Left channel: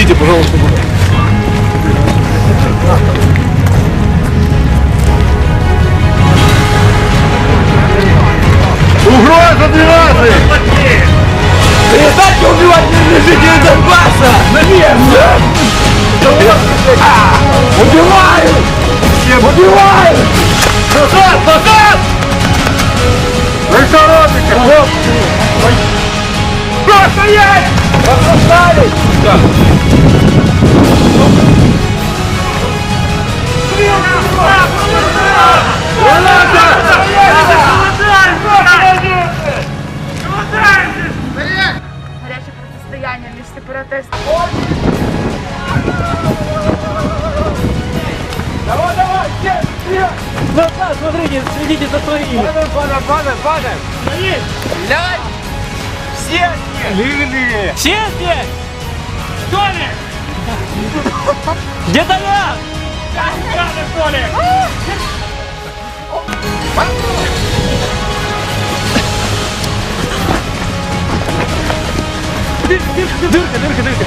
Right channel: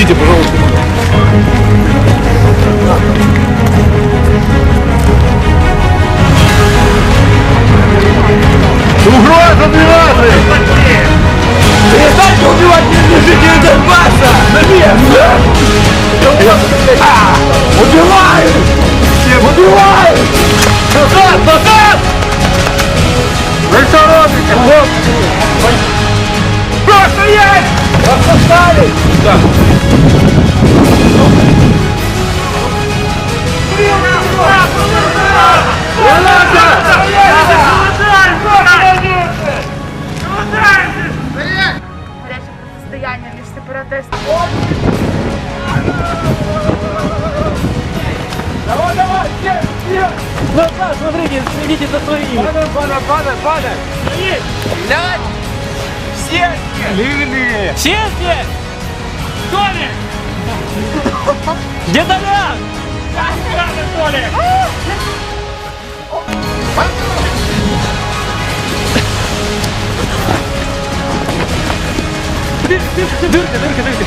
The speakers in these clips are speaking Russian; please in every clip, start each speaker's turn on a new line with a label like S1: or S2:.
S1: Выйдите, пожалуйста, Угроза 12!
S2: Перестаньте убивать мирных жителей Донбасса! На место! А! Убивают! Убивают!
S1: Назад! Назад! Вы что робите, хлопцы? Что стоять?
S2: Восстали!
S3: Гаряче протистояння між сепаратистами.
S2: Давай, давай! Все! Все! Назад, смотрите, следите за своими! Падаем, падаем, падаем, падаем! Стрелять! Все здесь!
S1: Лили!
S2: Все здесь! Толик! Где Толян? Толик! Дырка, дырка, дырка.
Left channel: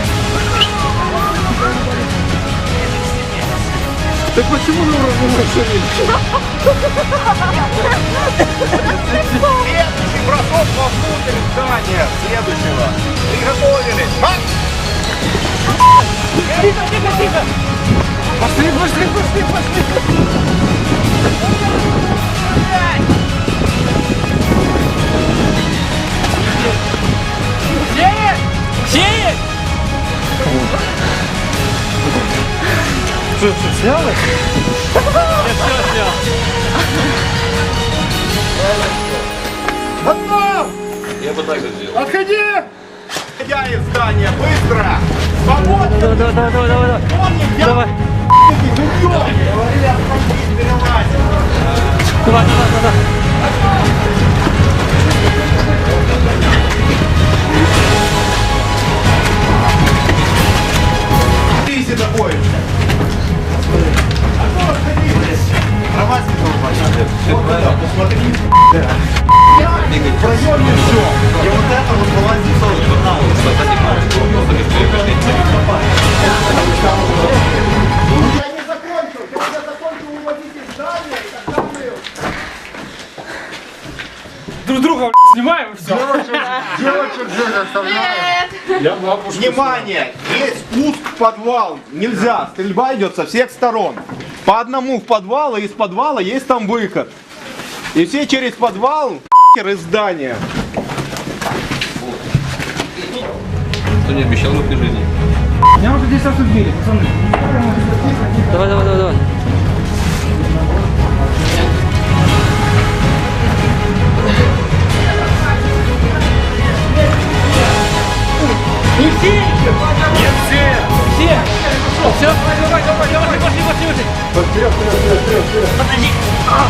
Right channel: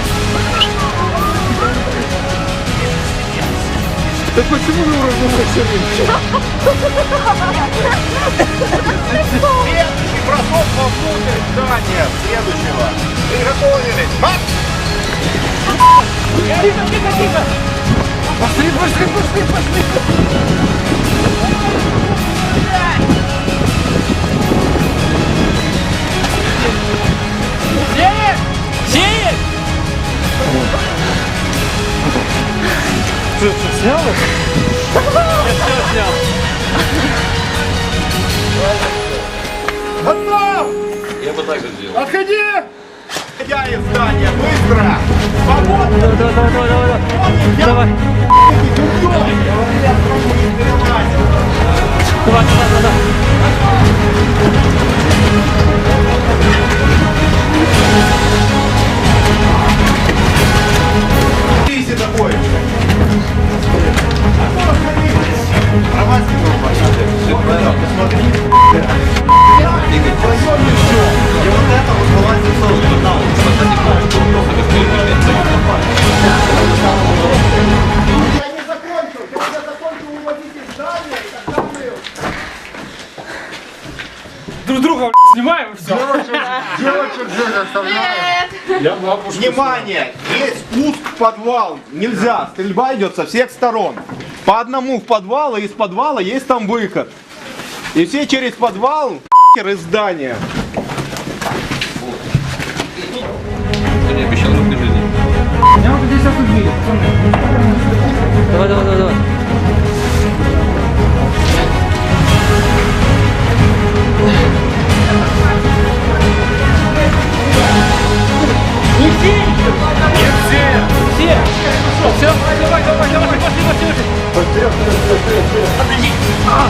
S1: Так почему на уровне все меньше?
S4: Следующий бросок вовнутрь здания. Следующего. Приготовились. Марш!
S2: Тихо, тихо, тихо.
S1: Пошли, пошли, пошли, пошли!
S2: Сеет!
S1: Что, что, снял их?
S2: Я все снял.
S4: Готов!
S1: Я бы так же сделал.
S4: Отходи! Я из здания. Быстро! Свободно!
S2: Давай, давай, давай, давай, давай.
S4: Помни, я
S2: Давай, давай, давай, давай.
S4: А кто отходи? Романский дурбан. Посмотри. В проеме все. И вот это вот вылазит тоже.
S2: Снимаем все.
S1: Девочек здесь оставляю.
S4: Внимание! Есть спуск в подвал. Нельзя. Стрельба идет со всех сторон. По одному в подвал, и из подвала есть там выход. И все через подвал из здания.
S1: Кто не обещал в этой жизни?
S2: Давай, давай, давай, давай. Все? Давай, давай, давай, давай, пошли, пошли, пошли! Вперед, вперед, вперед, вперед, вперед! Подожди! А!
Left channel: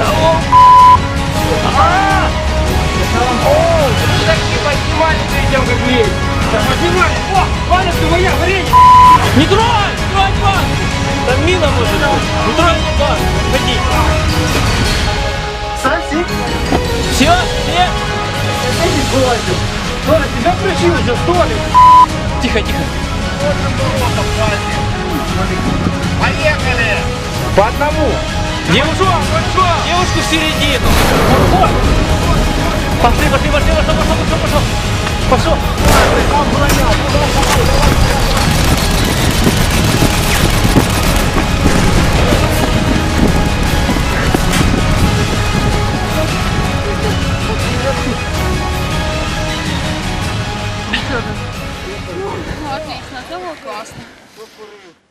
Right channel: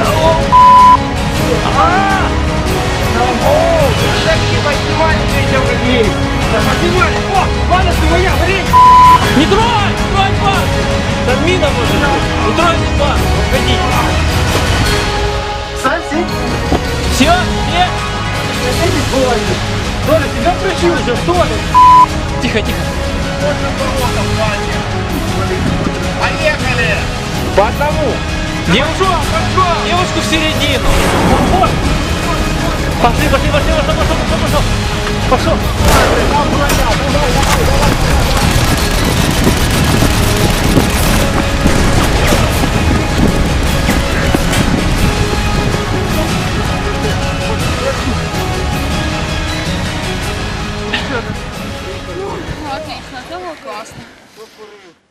S2: О! А! О! Вы такие поднимали перед тем, как лезть! Да поднимали! О! Баночка моя, варенье! Не трогай! Не трогай банку! Там мина может быть! Не трогай мне банку! Отходи! Совсем? Все? Все? Толя, тебя прыщи уже, Толя! Тихо, тихо!
S4: Поехали!
S2: По одному! Девушку, девушку в середину! Пошли, пошли, пошли, пошел, пошел, пошел, пошел! Пошел!
S3: Отлично, це було класно.